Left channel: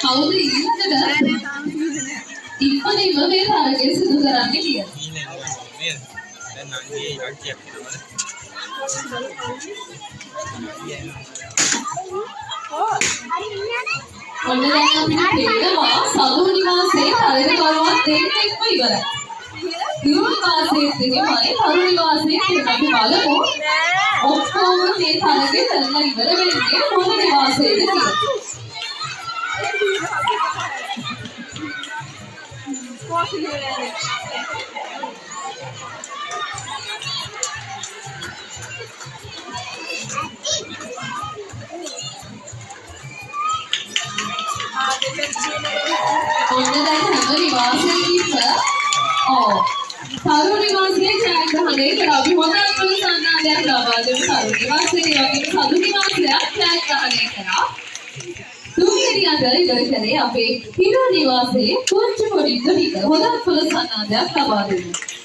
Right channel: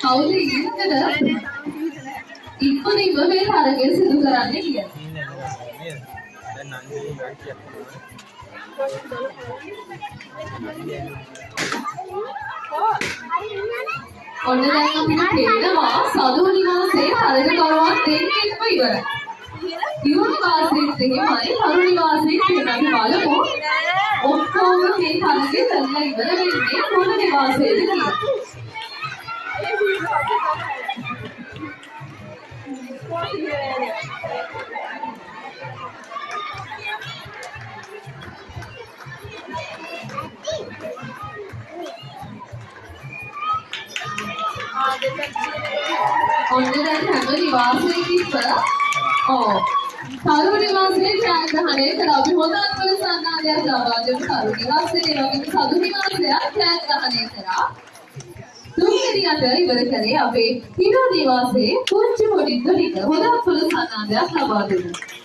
කවුද ඊළඟට ඉක්මනින්ම මේ තරගය සිදු කරන්නේ කියලා. දැන් නංගී ඉලක්කයක් ඔන්න දැන් අපිට පේනවා සදු නිවාසයේ තරගකරුවන් දෙන්නෙක්ම ඉවරයි. හිරු නිවාසයේ දෙකමයි තරු නිවාසයේ දෙකමයි බලමු. ඔක්කොම මේ තරගය කරලා ඉවර වෙන්නේ මොන නිවාසයේද කියලා. ඔන්න දැන් හැම නිවාසයකින්ම තරු නිවාසයේ ජයග්‍රහණය කළා. අපි හොඳ අත්වල සන්නාදයක් ලබා දෙමු තරු නිවාසයේ. වගේම සදු නිවාසයක් ජයග්‍රහණය කළා. තුන්වෙනියට ඉවර කළේ අපේ හිරු නිවාසයේ පුංචි පොඩි දුහිත. හොඳ අත්වල සන්නාදයක් ලබා දෙමු.